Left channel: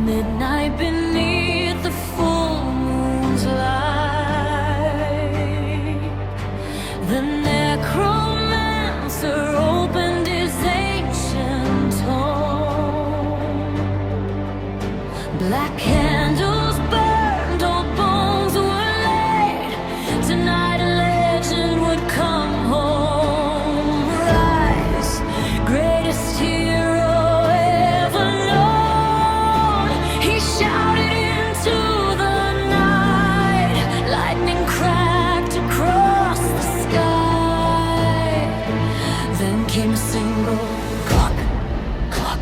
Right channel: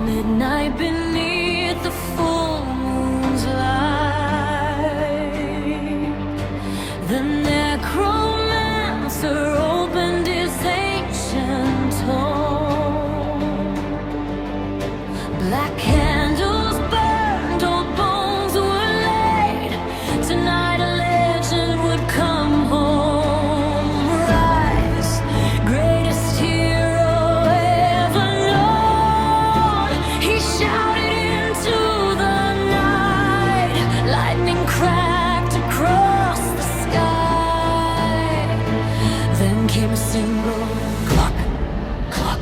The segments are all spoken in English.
Midnight beneath the full moon's light, the Necromancer opened his ancient tome. Black candles burned, old bones were laid. Tonight a legend would come home. Rise, greatest hero ever known. He shouted into the night. Lightning cracked across the sky. Then came a single cluck, cluck.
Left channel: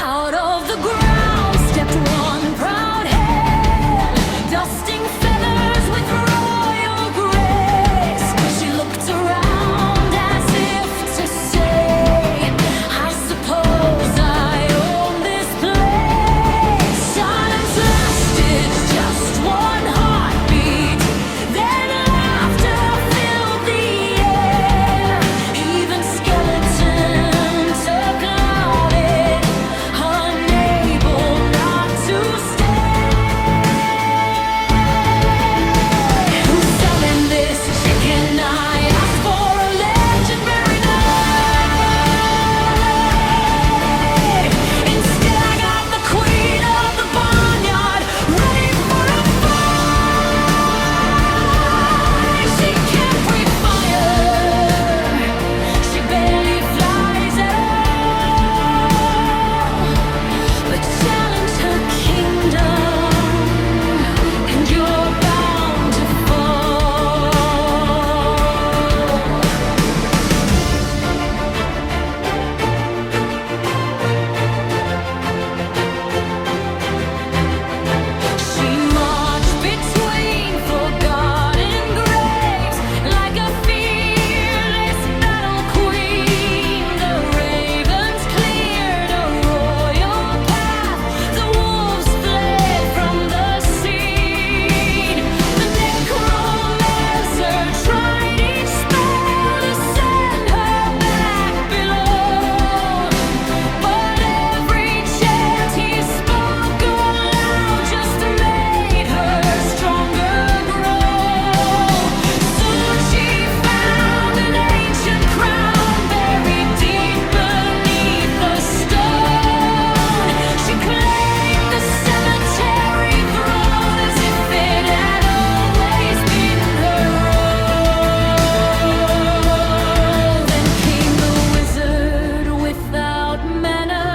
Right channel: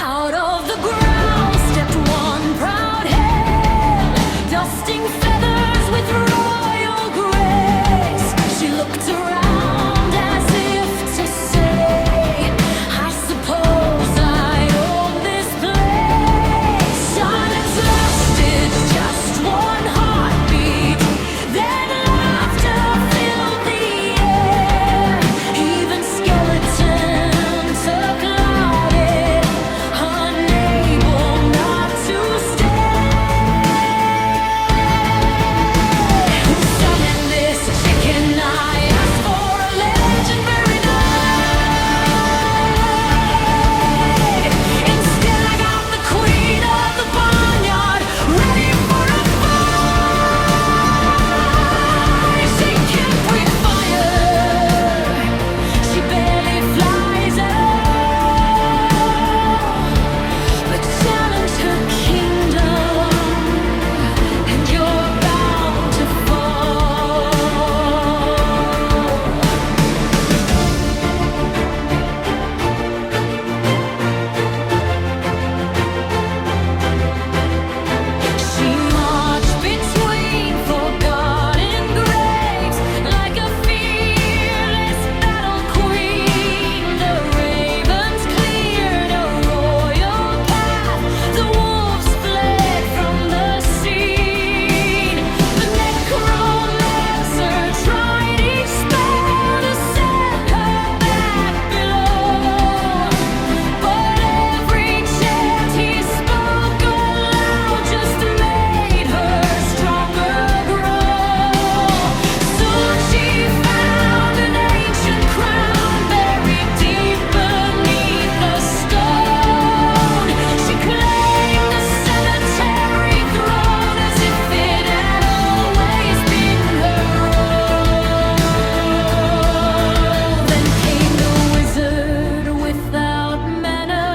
Out of the ground stepped one proud hand, dusting feathers with royal grace. She looked around as if to say, I suppose I own this place. Silence lasted just one heartbeat, then laughter filled the air. Even skeletons applauded, unable not to stay. Who summoned this chicken? I asked for a legendary night. Instead I got the queen of the barnyard, ready for a fight. She can't breathe fire, she barely flies at all, but challenge her kingdom and you're bound to fall. She marched between forgotten graves like a fearless battle queen. The ravens cleared a royal path, the wolves fled from the scene. The Necromancer tried each spell to send her back below, but every chant he spoke aloud just made her stronger grow. Soon she found an ancient crown buried deep beneath the stone. She claimed the cemetery throne as if it had always been her own. Then came the wizard without mana.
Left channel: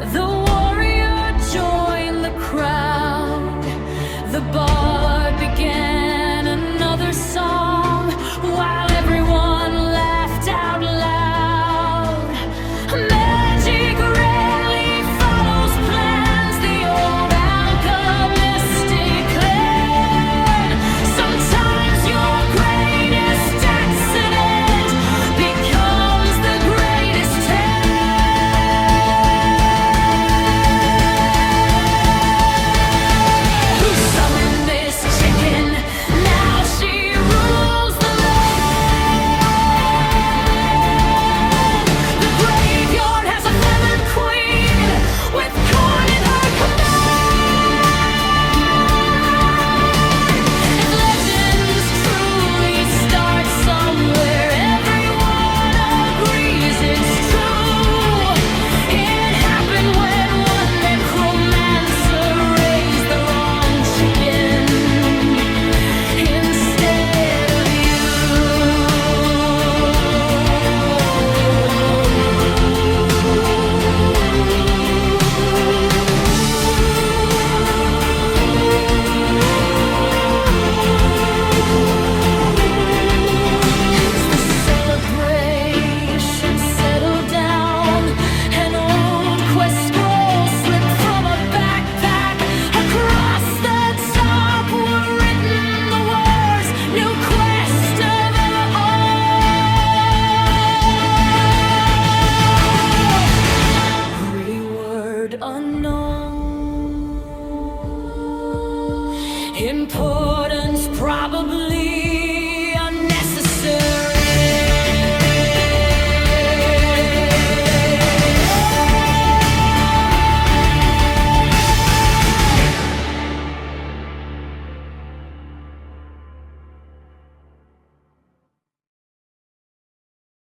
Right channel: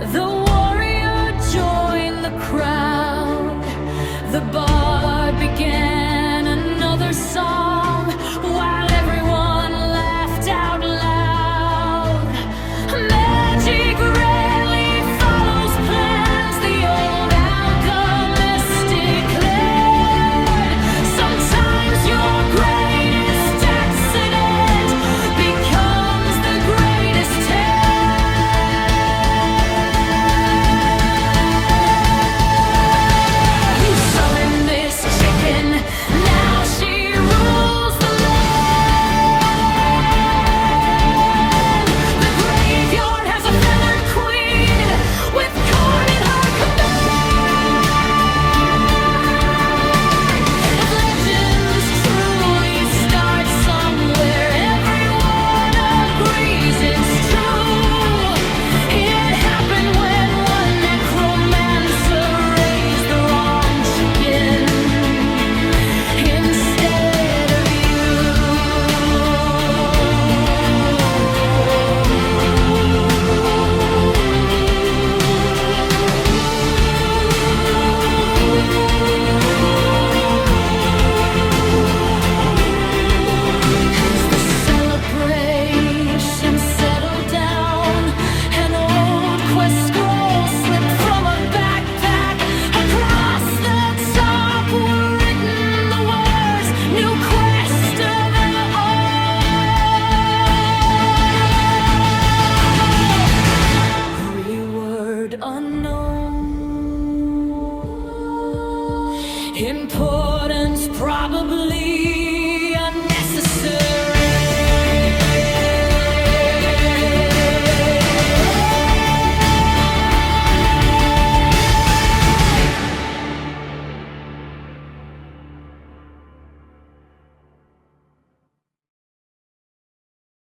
The warrior joined the crowd. The bard began another song while everyone laughed out loud. Magic rarely follows plans, the old alchemist declared. Sometimes your greatest accident becomes the greatest tale. Who summoned this chicken? Now she rules the land. The graveyard has a feathered queen with corn in her command. If legends truly start somewhere, everyone agrees it's true. It happened when one necromancer raised the wrong chicken instead of you. As the celebration settled down, an old quest scroll slipped from a backpack. Across the top were written the words, new quest available. Reward unknown. Importance probably unnecessary.